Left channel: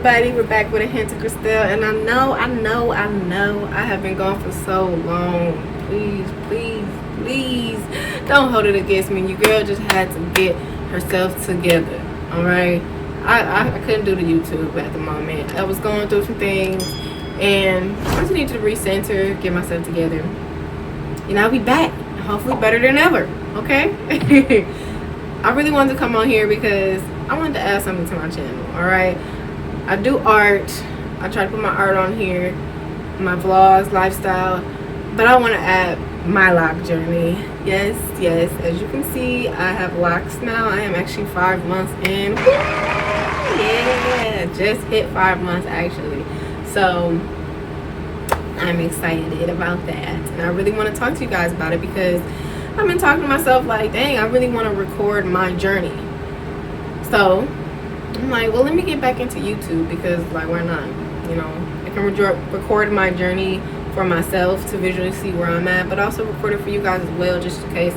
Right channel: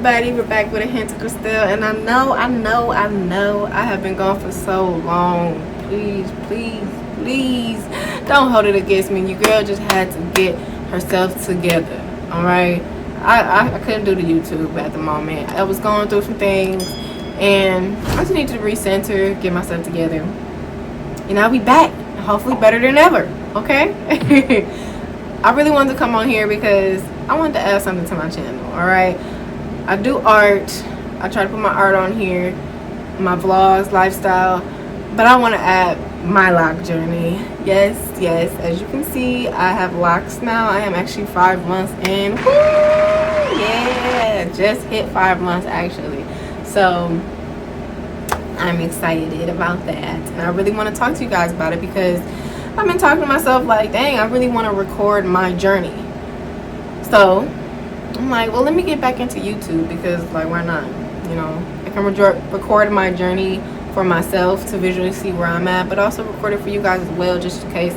everybody? We're back with a hint of Christelle, and I know I have been gone for so long. Please don't hold it against me. Your girl just had to get herself together. All right, I couldn't do the YouTube at the moment. I was going through some things, and I just need to recenter, get myself together, and I'll be back, hopefully better than ever. Okay. I really wanted to come on here because I wanted to add something to my channel. All right, I do art. I try to put my art on here, my vlogs, lifestyle, but I want to add my lock journey. Yes, as you can see, I have locks now. I am actually 5 months in. Woo! Yeah, just hit 5 months actually, so I'm excited about that, and I really want to talk to you guys about it because I've been talking to myself like, dang, I really want to record my journey. So I'm like, well, let me get back into YouTube because, like, why not? You know, I can record my journey for myself to visually see where I'm at, but also record it for you guys as well, just in case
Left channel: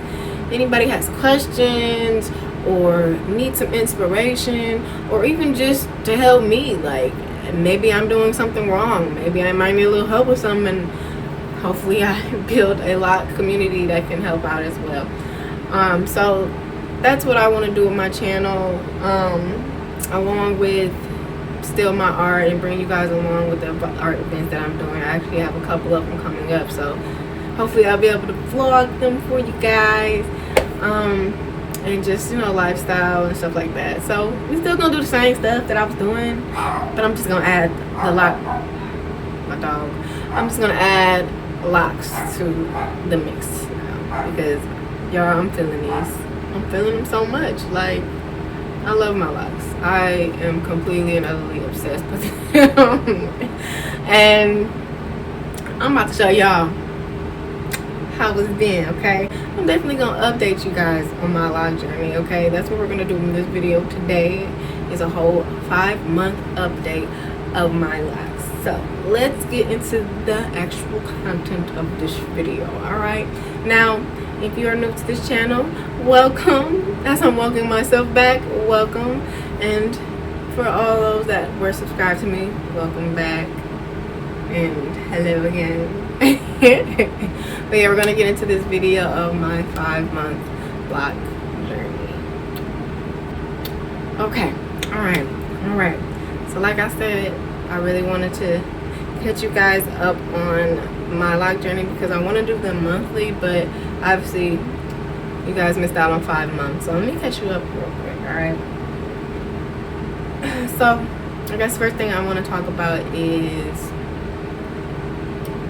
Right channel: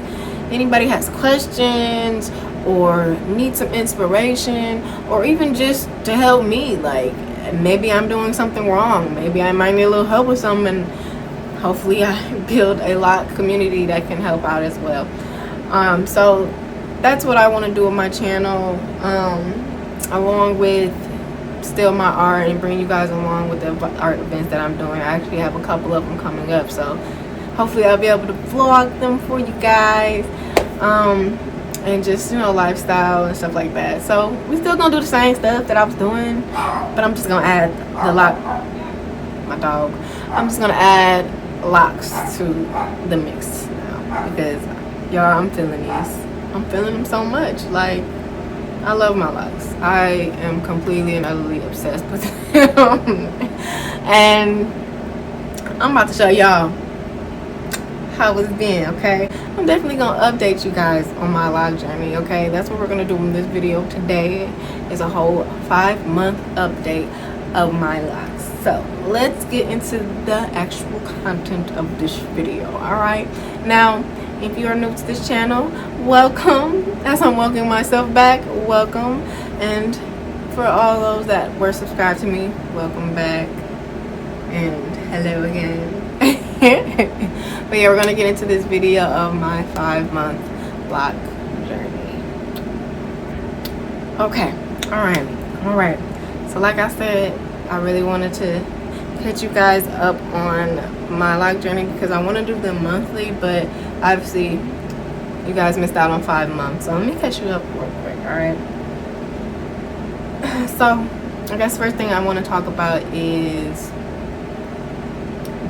anybody has questions or needs some inspiration, or even just to help me. Like, maybe I'm doing something wrong. Maybe I might need a little help with something, and hopefully I build a lock community that can help out as well. So that's what I want to do with my channel, along with still my art, and bring you guys along with the art events that I'm doing. I actually have a couple of them coming up, so hopefully I'll be able to vlog them for you guys, and just, you know, lifestyle and stuff like that. So we're still gonna do the same stuff that I was doing, but I'm just gonna add the lock, my dog, I'm just gonna add locks to the mix now, because y'all, I'm feeling these. I'm feeling them so much. Like, I love my locks. I am completely and utterly obsessed with them. And I'm about to show y'all how it's been, okay? I'm definitely gonna update you guys on my lock journey, okay? That's what we're gonna do in this video today, is a whole 5-month update of my locks. So let's get into the actual content of this video. All right, now if you are new to this channel, welcome. As I'm welcoming myself back, welcome. And for all those that were subscribed to me, welcome back, and hello again. But yeah, we're gonna get into this video of my 5-month lock journey. Okay, all right, so like I said, I really wanted to catch you guys up on my lock journey because I want to do them monthly, but obviously you guys missed out on 5 months, so let me catch you up real quick. All right, so I guess first thing I want to talk about is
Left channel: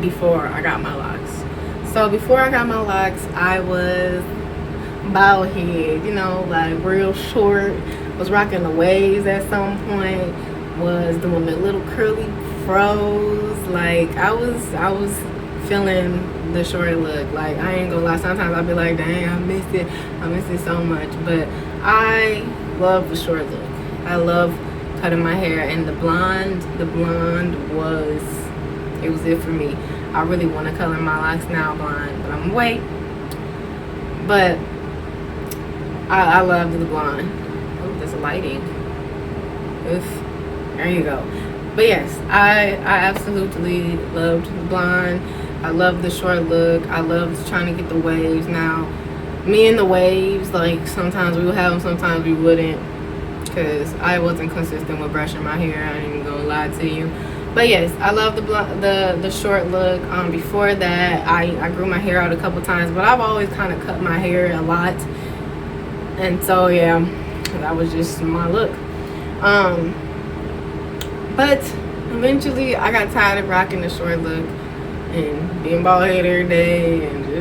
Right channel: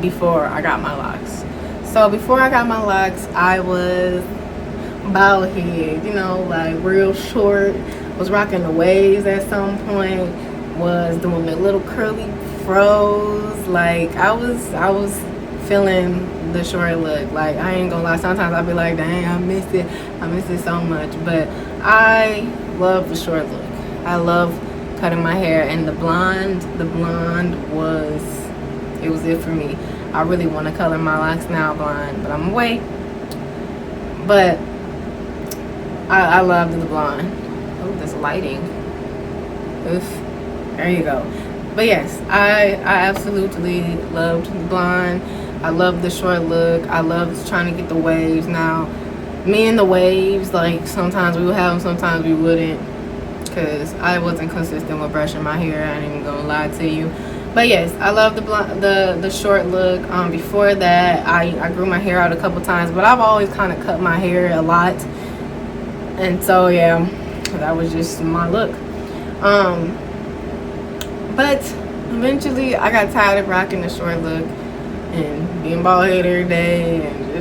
before I got my locks. So before I got my locks, I was bald head, you know, like real short, was rocking the waves at some point, was doing the little curly fros. Like, I was feeling the short look. Like, I ain't gonna lie, sometimes I'll be like, dang, I miss it so much. But I love the short look. I love cutting my hair, and the blonde was, it was it for me. I really want to color my locks now blonde, but I'm gonna wait. But I love the blonde. Oh, this lighting. Oof. There you go. But yes, I absolutely loved the blonde. I love the short look. I loved trying to get the waves. Now, me and the waves, like, sometimes we would have them, sometimes we wouldn't, because I wasn't consistent with brushing my hair. I ain't even gonna lie to you. But yes, I love the short look. Before that, I grew my hair out a couple times, but I've always kind of cut my hair a lot, and so yeah, that was just my look. But eventually I got tired of rocking the short look and being bald headed every day, and it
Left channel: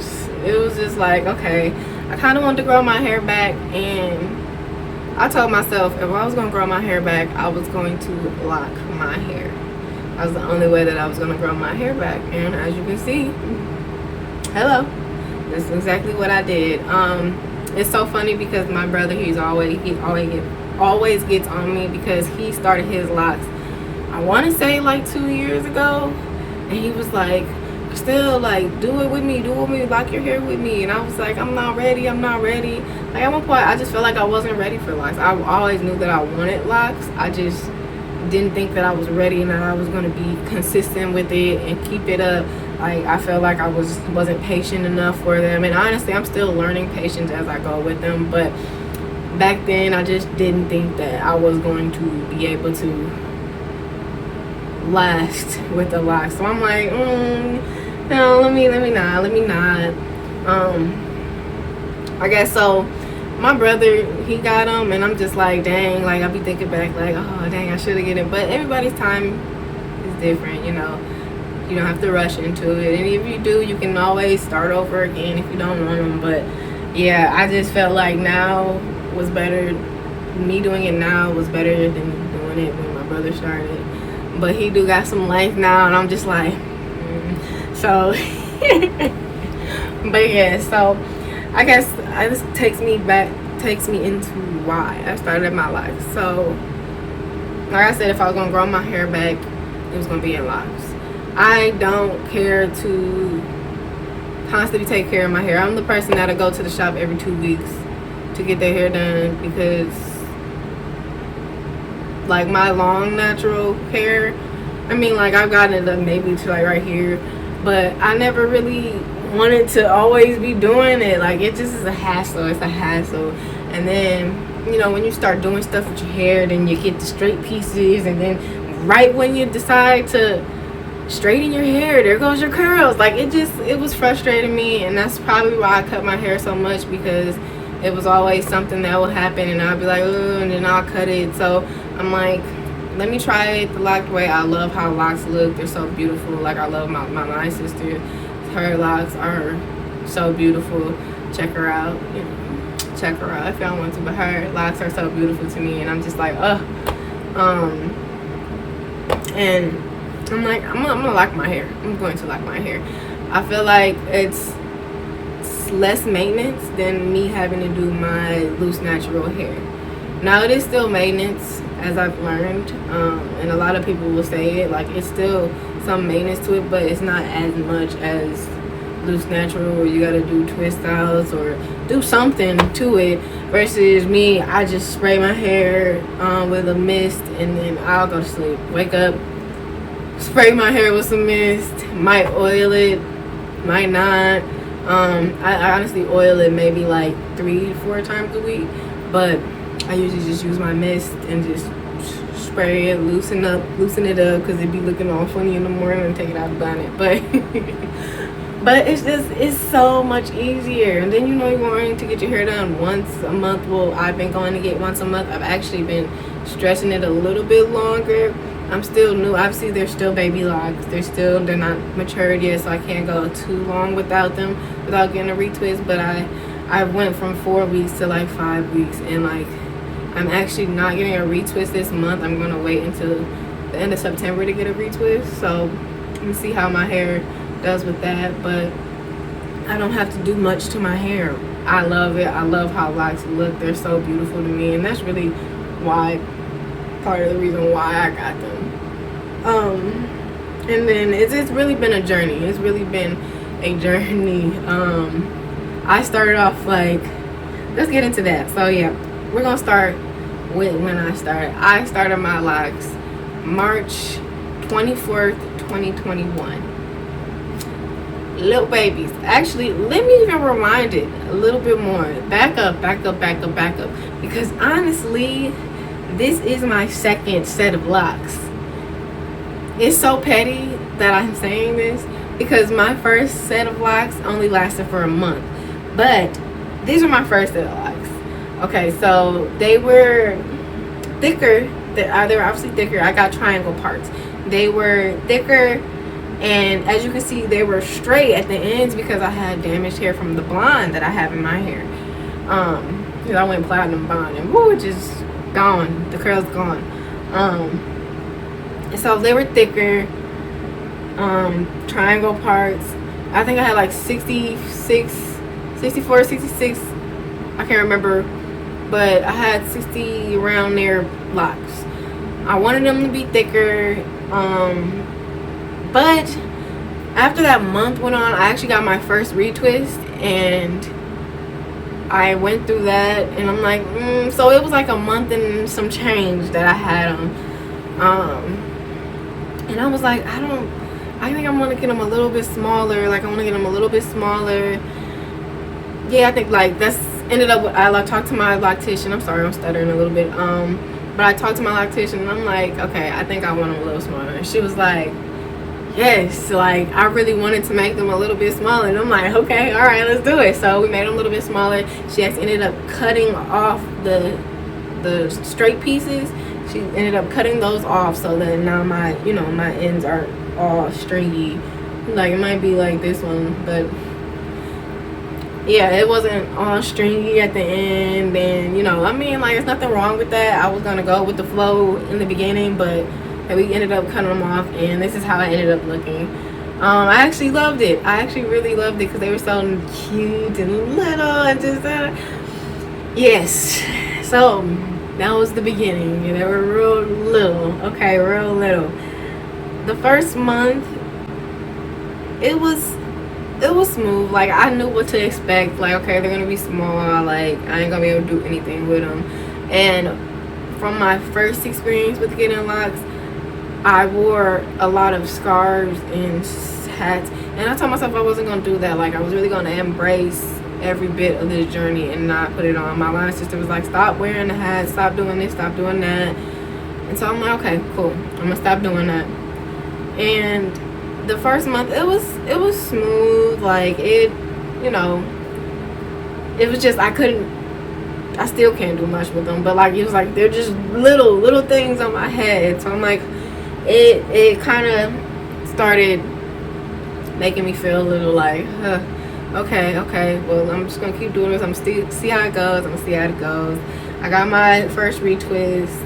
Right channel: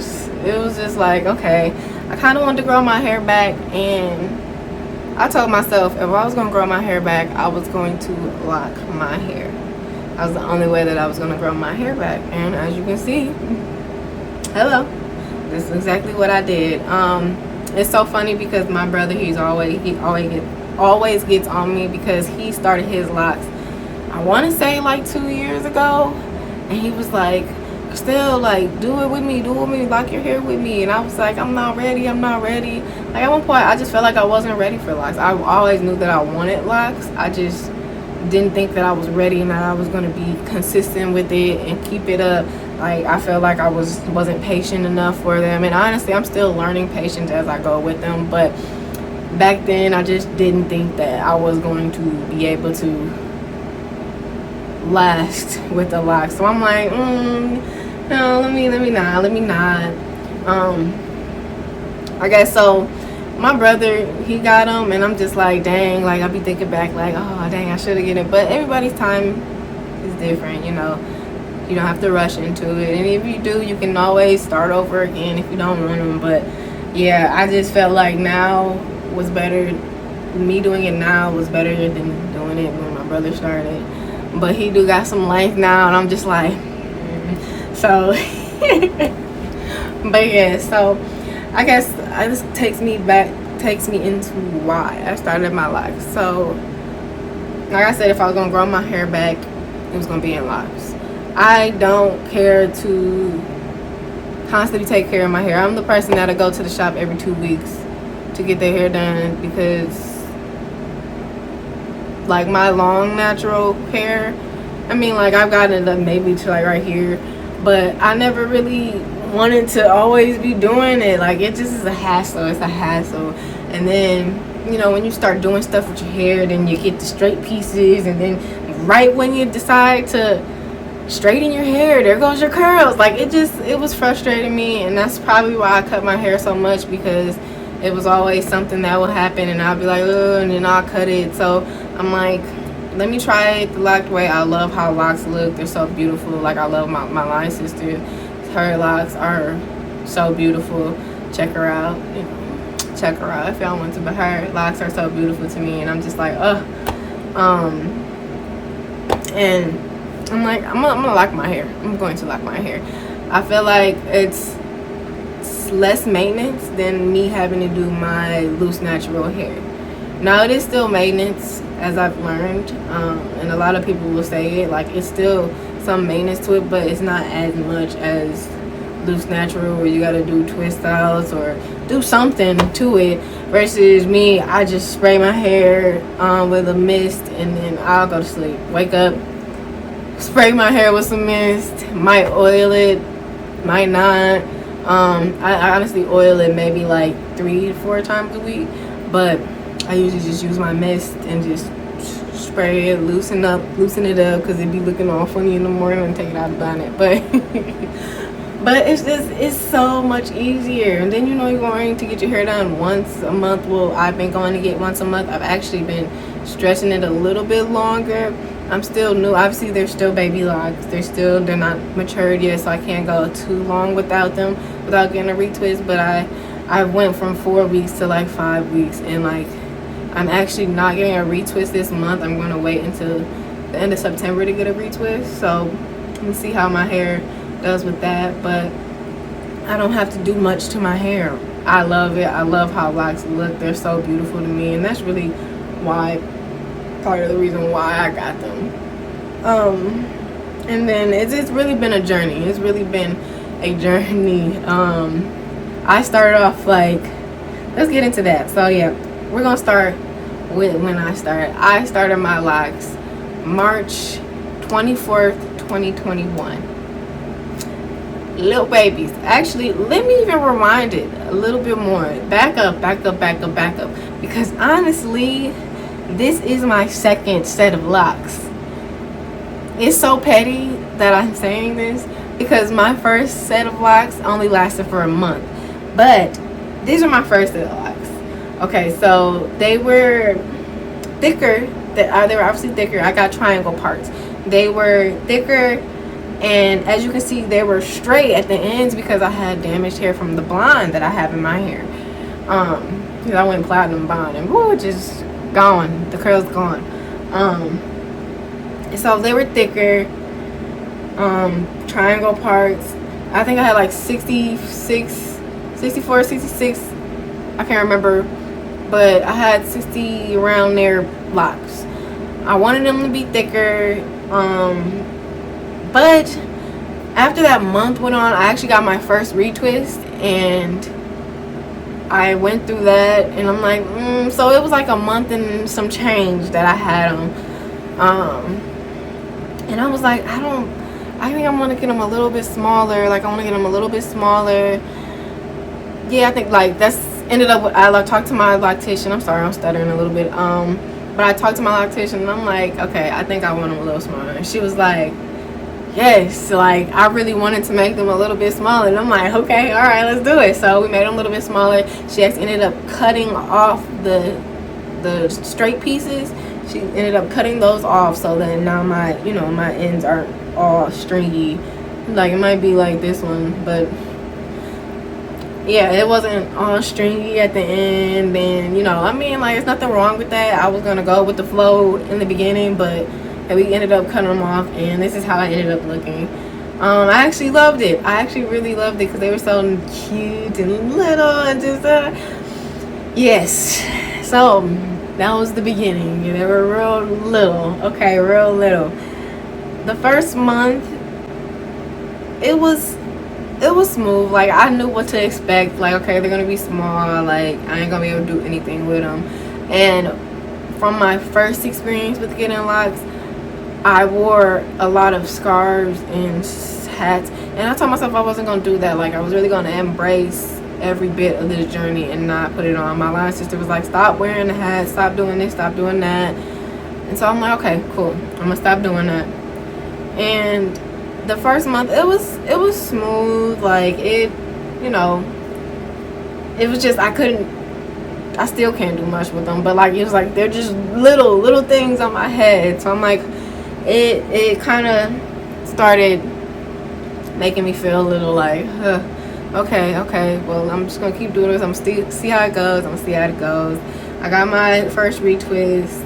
was just like, okay, I kind of wanted to grow my hair back, and I told myself if I was going to grow my hair back, I was going to lock my hair. That was the only way that I was going to grow my hair back, and as you can see, hello, this is exactly what I did. It's so funny because my brother, he always gets on me because he started his locks, I want to say like 2 years ago, and he was like, still, like, do it with me, lock your hair with me. And I was like, I'm not ready. Like, at one point I just felt like I wasn't ready for locks. I always knew that I wanted locks. I just didn't think that I was ready and that I was going to be consistent with it and keep it up. Like, I felt like I wasn't patient enough for them, and honestly, I'm still learning patience as I go with them. But back then, I just didn't think that I was going to be able to last with the locks. So I'm like, no, let me not. I guess so. My brother, he got them, and I'm just like, dang, like, I be thinking back, like, oh, dang, I should have get it. But everybody's time is different, you know. You don't have to rush into it, and if you do, you can always start over again if you don't want them. But yeah, I just felt like now was better. Me doing it now was better than doing it when my brother started. But he do got some life now, and I'm just like, so. But yeah, so I guess this takes me into why I started my life. So like I said, if I was gonna grow my hair back, it was gonna be in locks. I don't care to constantly take care of my hair. I'm the person that'll go to the shop every 2 weeks to get their hair done, because like my long natural hair, I mean, like, I've gotten it done maybe to like right here, but I never really wanted to always be doing it. Like, it just is a hassle. It's a hassle. And then, you know, when you start doing stuff with your hair, then you get the straight pieces, and then right when you decide to straighten your hair, there goes your curls. Like, it was frustrating me, and that's probably why I cut my hair so much, because it was always something that would happen, and I'd be like, oh, and then I'll cut it. So I'm like, let me try it the locked way. I love how locks look. They're so beautiful. Like, I love my line sister. Her locks are so beautiful. Check her out. You know, check her out if y'all want to. But her locks are so beautiful to me, and I'm just like, and I'm like, I'm gonna lock my hair. I'm going to lock my hair. I feel like it's less maintenance than me having to do my loose natural hair. Now, it is still maintenance, as I've learned, and a lot of people will say it, like, it's still some maintenance to it, but it's not as much as loose natural, where you gotta do twist outs or do something to it, versus me, I just spray my hair with a mist, and then I'll go to sleep, wake up, spray my hair with some mist, might oil it, might not. I honestly oil it maybe like 3 to 4 times a week, but I usually just use my mist and just spray it, loosen it up, because it'd be looking all funny in the morning and take it out and burn it. But it's so much easier. And then, you know, you're going to get your hair done once a month. Well, I've been going to get once a month. I've actually been stretching it a little bit longer. I'm still new. Obviously, they're still baby locks. They're not matured yet, so I can't go too long without them, without getting a retwist. But I went from 4 weeks to like 5 weeks, and like, I'm actually not getting a retwist this month. I'm gonna wait until the end of September to get a retwist. So let me see how my hair does with that. But I don't have to do much to my hair. I love it. I love how locks look. They're so beautiful to me, and that's really part of the reason why I got them. And then it's really been a journey. It's really been a journey. I started off like, let's get into that. So yeah, we're gonna start with when I started. I started my locks March 24th, 2021. Little babies. Actually, let me even rewind it a little bit more. Back up. Because honestly, this is my second set of locks. It's so petty that I'm saying this, because my first set of locks only lasted for a month. But these are my first set of locks. Okay, so they were thicker. They were obviously thicker. I got triangle parts. They were thicker, and as you can see, they were straight at the ends because I had damaged hair from the blonde that I have in my hair. Because I went platinum blonde, and woo, just gone. The curls gone. So they were thicker. Triangle parts. I think I had like 64, 66. I can't remember, but I had 60 around there locks. I wanted them to be thicker, but after that month went on, I actually got my first retwist, and I went through that, and I'm like, so it was like a month and some change that I had them. And I was like, I think I want to get them a little bit smaller. Like, I want to get them a little bit smaller. Yeah, I think like that's ended up with, I talked to my lactation. I'm sorry, I'm stuttering a little bit. But I talked to my lactation and I'm like, okay, I think I want them a little smaller. And she was like, yes, like I really wanted to make them a little bit smaller. And I'm like, okay, all right, let's do it. So we made them a little bit smaller. She actually ended up cutting off the straight pieces. She ended up cutting those off, so that now my my ends aren't all stringy. Like, it might be like this one, but yeah, it wasn't all stringy at the end. And I mean, like, there's nothing wrong with that. I was gonna go with the flow in the beginning, but we ended up cutting them off, and this is how it ended up looking. I actually loved it. I actually really loved it because they were so cute and little and just yes. So that was the beginning. They were real little. Okay, real little. The first month, it was smooth. Like, I knew what to expect. Like, okay, they're gonna be small. Like, I ain't gonna be able to do anything with them. And from my first experience with getting locks, I wore a lot of scarves and hats, and I told myself I wasn't gonna do that. Like, I was really gonna embrace every bit of this journey and not put it on. My line sister was like, stop wearing the hat, stop doing this, stop doing that. And so I'm like, okay, cool, I'm gonna stop doing that. And the first month, it was smooth. Like, it was just, I still can't do much with them, but like, it was like they're just little things on my head. So I'm like, it kind of started making me feel a little like, okay, well, I'm just gonna keep doing this. I'm still see how it goes. I'm gonna see how it goes. I got my first retwist,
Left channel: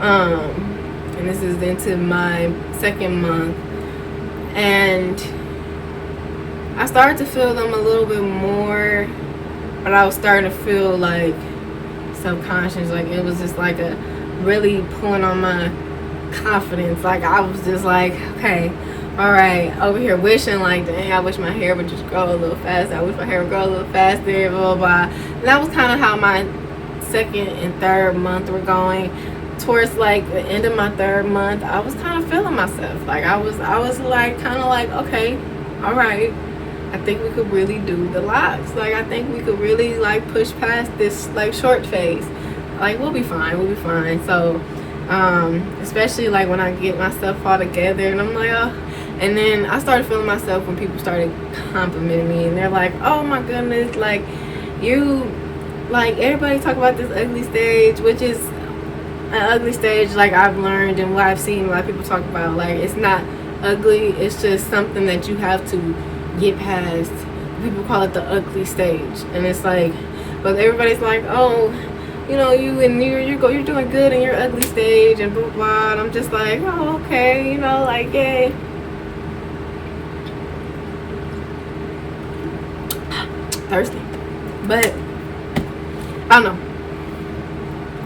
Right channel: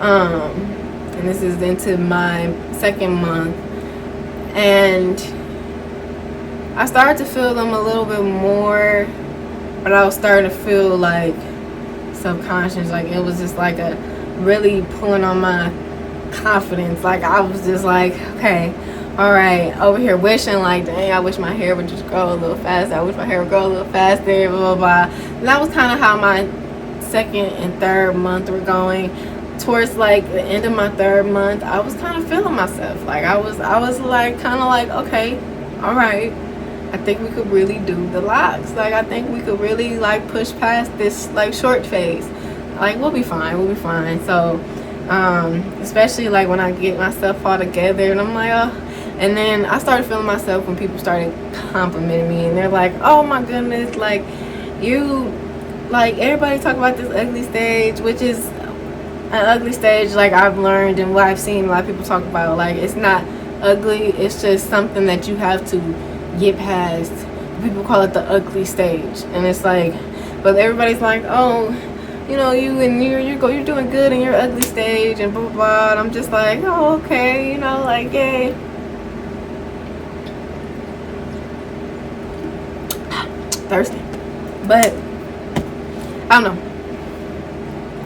and this is into my second month, and I started to feel them a little bit more, but I was starting to feel like subconscious. Like, it was just like a really pulling on my confidence. Like, I was just like, okay, all right, over here wishing like, dang, I wish my hair would just grow a little faster. I wish my hair would grow a little faster, blah, blah, blah. And that was kind of how my second and third month were going. Towards like the end of my third month, I was kind of feeling myself. Like, I was like, kind of like, okay, all right, I think we could really do the locks. Like, I think we could really like push past this like short phase. Like, we'll be fine. So especially like when I get myself all together and I'm like, oh. And then I started feeling myself when people started complimenting me, and they're like, oh my goodness, like, you, like, everybody talk about this ugly stage, which is an ugly stage. Like, I've learned and what I've seen a lot of people talk about, like, it's not ugly, it's just something that you have to get past. People call it the ugly stage, and it's like, but everybody's like, oh, you're doing good in your ugly stage and blah blah blah. And I'm just like, oh, okay, like, hey, thirsty. But I don't know,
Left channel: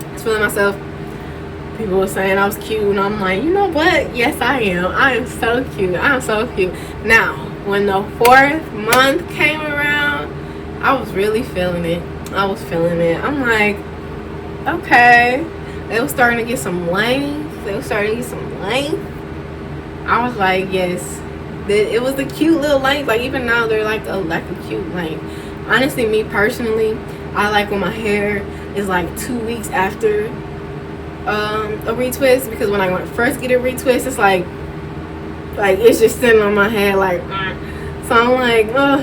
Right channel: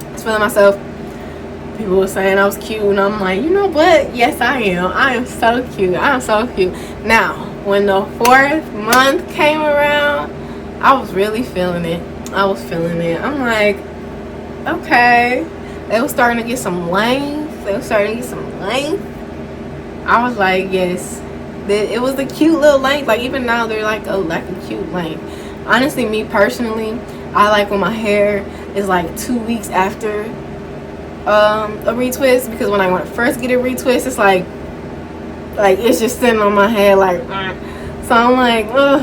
I was feeling myself. People were saying I was cute, and I'm like, you know what, yes, I am so cute. Now, when the fourth month came around, I was really feeling it. I'm like, okay, they were starting to get some length. I was like, yes, it was the cute little length. Like, even now, they're like a cute length. Honestly, me personally, I like when my hair is like 2 weeks after a retwist, because when I first get a retwist, it's like it's just sitting on my head like, so I'm like, oh,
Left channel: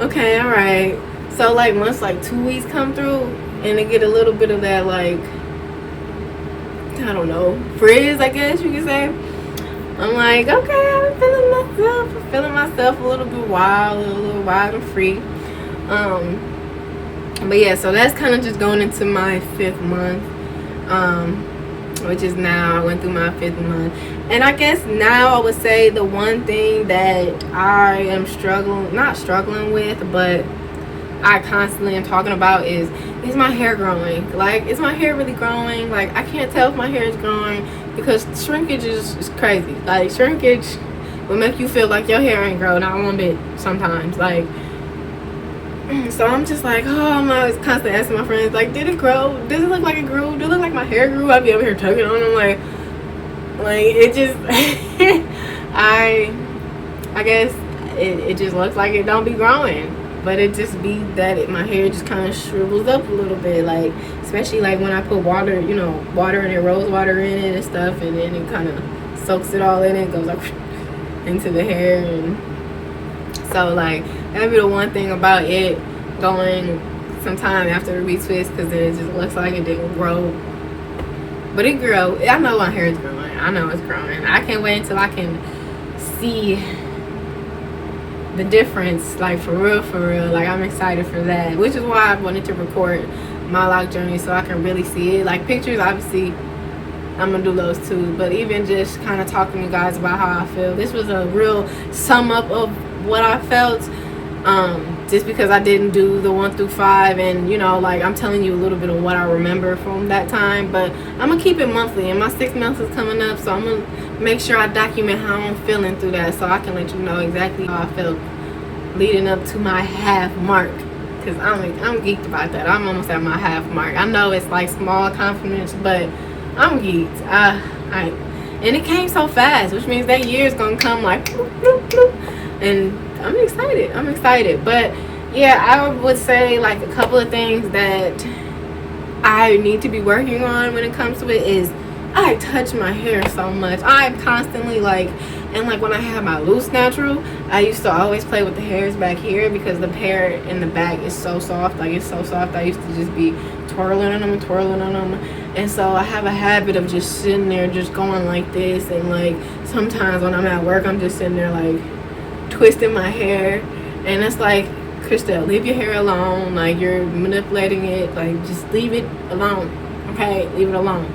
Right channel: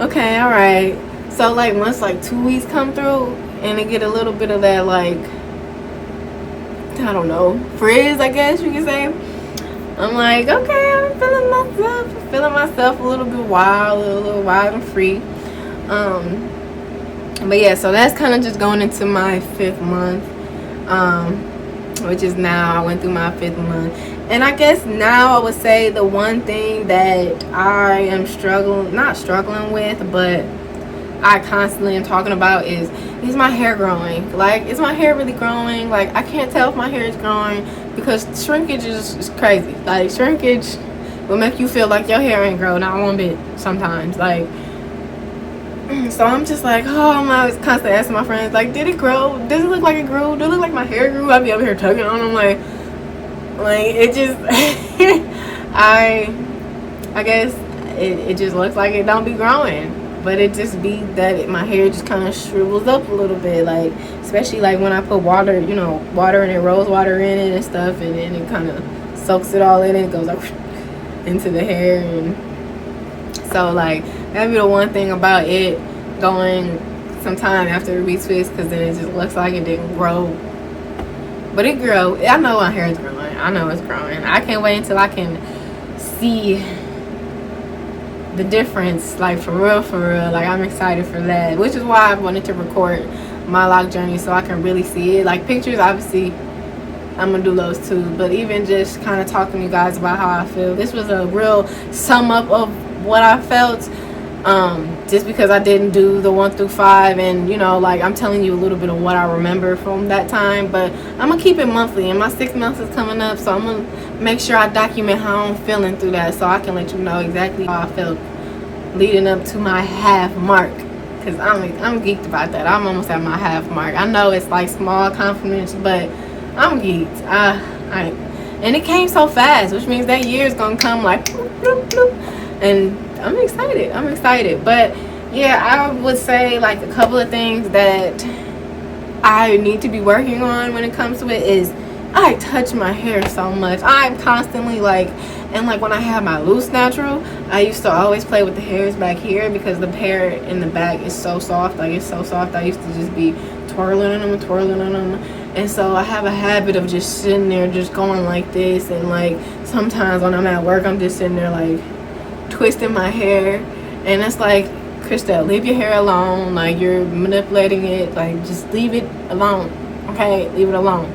okay, all right. So like, once like 2 weeks come through and I get a little bit of that, like, I don't know, frizz, I guess you could say, I'm like, okay, I'm feeling myself a little bit wild, a little wild and free. But yeah, so that's kind of just going into my 5th month, which is now. I went through my 5th month, and I guess now I would say the one thing that I am not struggling with, but I constantly am talking about is my hair growing? Like, is my hair really growing? Like, I can't tell if my hair is growing, because shrinkage is crazy. Like, shrinkage will make you feel like your hair ain't grown not one bit sometimes. Like, so I'm just like, oh, I'm always constantly asking my friends, like, did it grow? Does it look like it grew? Does it look like my hair grew? I'd be over here tugging on them like, Like, it just, I guess it just looks like it don't be growing, but it just be that my hair just kind of shrivels up a little bit, like, especially like when I put water, you know, water in it, rose water in it and stuff, and then it kind of soaks it all in, it goes like into the hair. And so like that'd be the one thing about it going sometime after the retwist, because then it just looks like it didn't grow, but it grew. I know my hair is growing, I know it's growing. I can't wait until I can see the difference, like for real. Like, I'm excited for that, which is why I wanted to record my lock journey, so I can really see it. Like, pictures, obviously I'm gonna do those too, but even just kind of talking to you guys about how I feel, this was a real sum up of what I felt, just because I didn't do the 1 through 5, and you know, like, I'm telling you a little bit of what I remember from that time, but I'm gonna keep it monthly, and my 6 months is coming up, so I'm gonna make sure I document how I'm feeling through that, so I can let you know exactly how I felt leading up to my half mark, because I'm geeked about that. I'm almost at my half mark. I know it's like small compliments, but I'm geeked. And it came so fast, which means that year is gonna come like bloop, bloop, bloop. And I'm excited. But yeah, I would say like a couple of things that I need to be working on when it comes to it is I touch my hair so much. I'm constantly like, and like when I have my loose natural, I used to always play with the hairs back here because the hair in the back is so soft. Like, it's so soft. I used to just be twirling on them. And so I have a habit of just sitting there just going like this, and like sometimes when I'm at work, I'm just sitting there like twisting my hair, and it's like, Christelle, leave your hair alone. Like, you're manipulating it. Like, just leave it alone. Okay, leave it alone.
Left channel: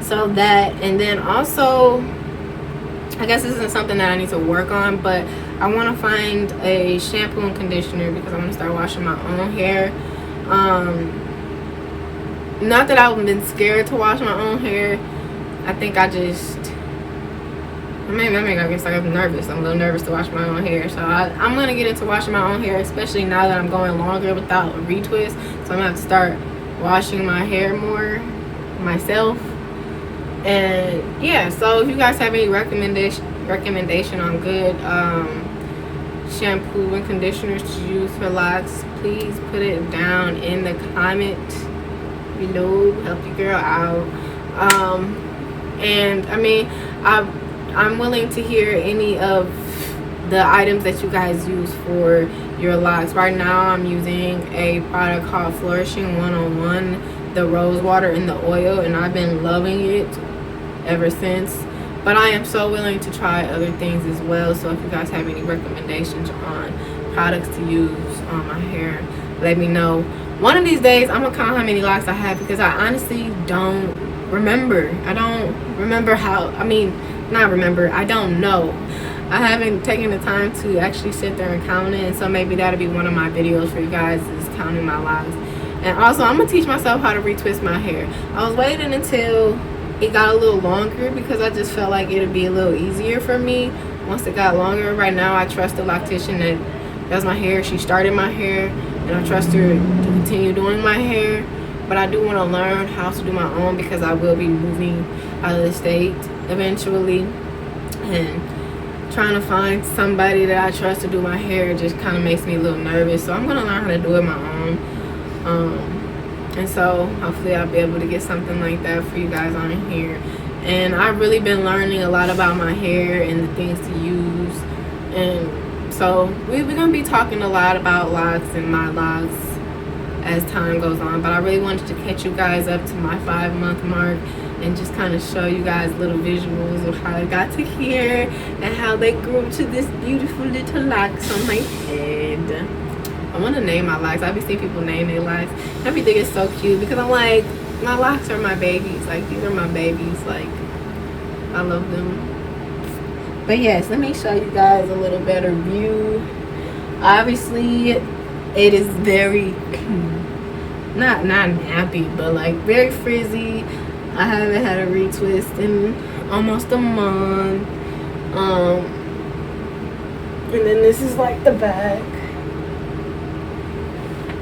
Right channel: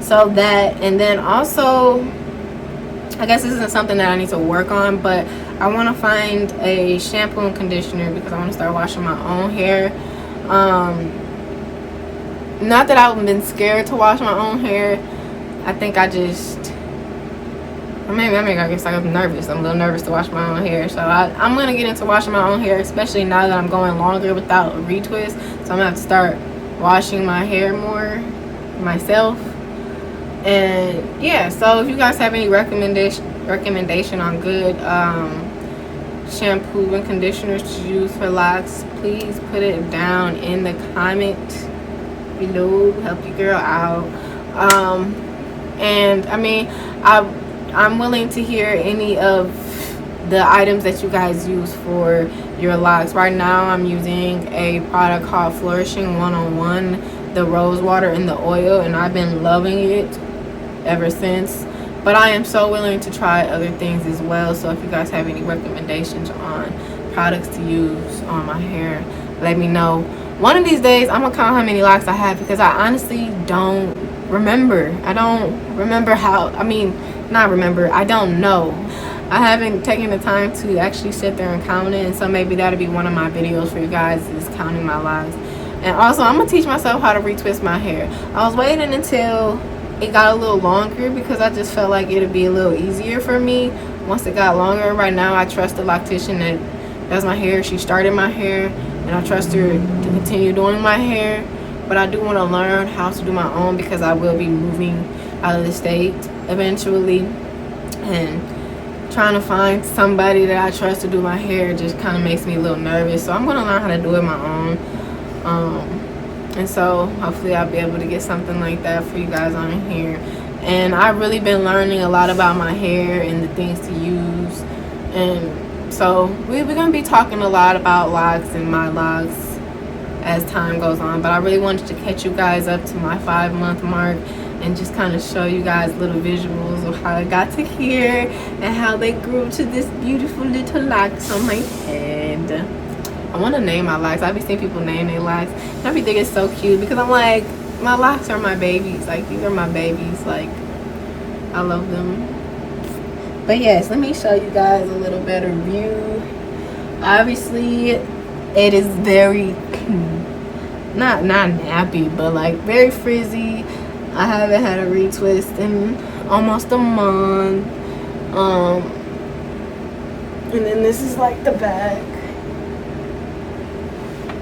So that, and then also, I guess this isn't something that I need to work on, but I want to find a shampoo and conditioner because I want to start washing my own hair. Not that I've been scared to wash my own hair. I think I just, I guess I was nervous. I'm a little nervous to wash my own hair. So I'm going to get into washing my own hair, especially now that I'm going longer without a retwist. So I'm going to have to start washing my hair more myself. And yeah, so if you guys have any recommendation on good shampoo and conditioners to use for locks, please put it down in the comments below. Help your girl out. And I mean, I'm willing to hear any of the items that you guys use for your locks. Right now I'm using a product called Flourishing 101, the rose water and the oil, and I've been loving it ever since. But I am so willing to try other things as well, so if you guys have any recommendations on products to use on my hair, let me know. One of these days I'm gonna count how many locks I have, because I honestly don't remember. I don't remember how, I don't know. I haven't taken the time to actually sit there and count it, and so maybe that'll be one of my videos for you guys, is counting my locks. And also, I'm gonna teach myself how to retwist my hair. I was waiting until it got a little longer because I just felt like it'd be a little easier for me once it got longer. Right now I trust the loctician that does my hair. She started my hair, and I trust her to continue doing my hair. But I do want to learn how to do my own, because I will be moving out of the state eventually, and trying to find somebody that I trust to do my hair just kind of makes me a little nervous. So I'm going to learn how to do it my own. And so hopefully I'll be able to get something like that for you guys on here. And I've really been learning a lot about my hair and the things to use. And so we're going to be talking a lot about locks and my locks as time goes on. But I really wanted to catch you guys up to my 5-month mark and just kind of show you guys little visuals of how I got to here and how they grew to this beautiful little locks on my head. I want to name my locks. I be seeing people name their locks. I be thinking it's so cute, because I'm like, my locks are my babies. Like, these are my babies. Like, I love them. But yes, let me show you guys a little better view. Obviously, it is very, not nappy, but like very frizzy. I haven't had a retwist in almost a month. And then this is like the back.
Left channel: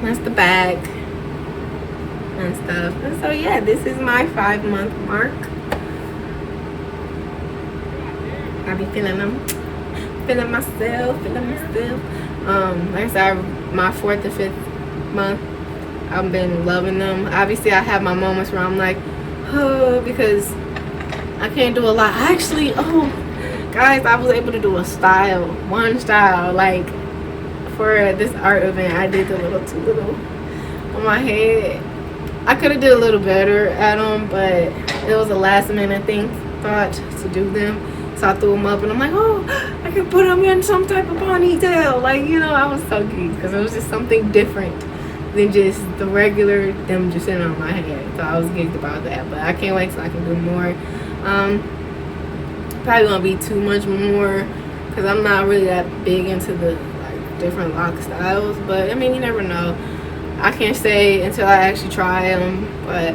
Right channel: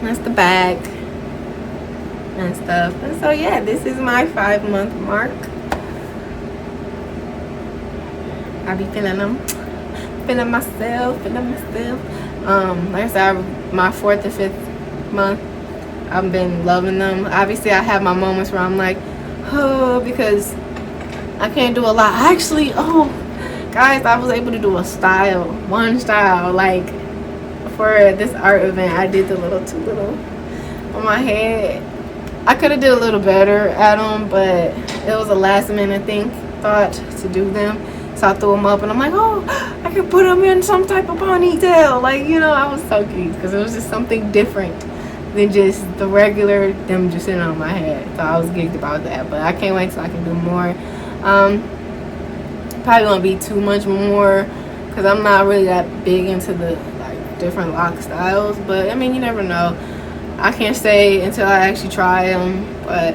That's the back and stuff. And so yeah, this is my 5-month mark. I be feeling them, feeling myself. Like I said, my 4th and 5th month, I've been loving them. Obviously, I have my moments where I'm like, oh, because I can't do a lot. Actually, oh, guys, I was able to do one style, like for this art event. I did the too little on my head. I could have did a little better at them, but it was a last minute thought to do them. So I threw them up, and I'm like, oh, I could put them in some type of ponytail. Like, you know, I was so geeked because it was just something different than just the regular them just sitting on my head. So I was geeked about that, but I can't wait till I can do more. Probably won't be too much more because I'm not really that big into the like different lock styles, but I mean, you never know. I can't say until I actually try them, but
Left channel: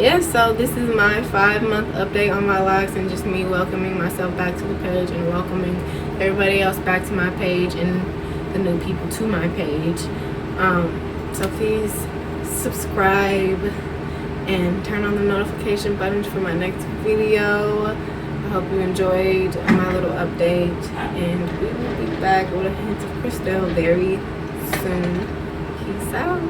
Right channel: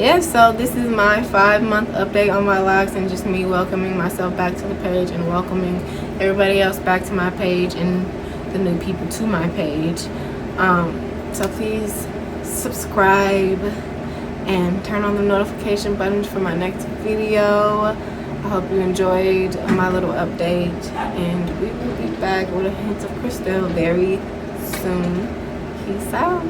yeah, so this is my 5-month update on my locks, and just me welcoming myself back to the page and welcoming everybody else back to my page and the new people to my page. So please subscribe and turn on the notification buttons for my next video. I hope you enjoyed my little update, and we will be back with a hint of Crystal very soon. Peace out.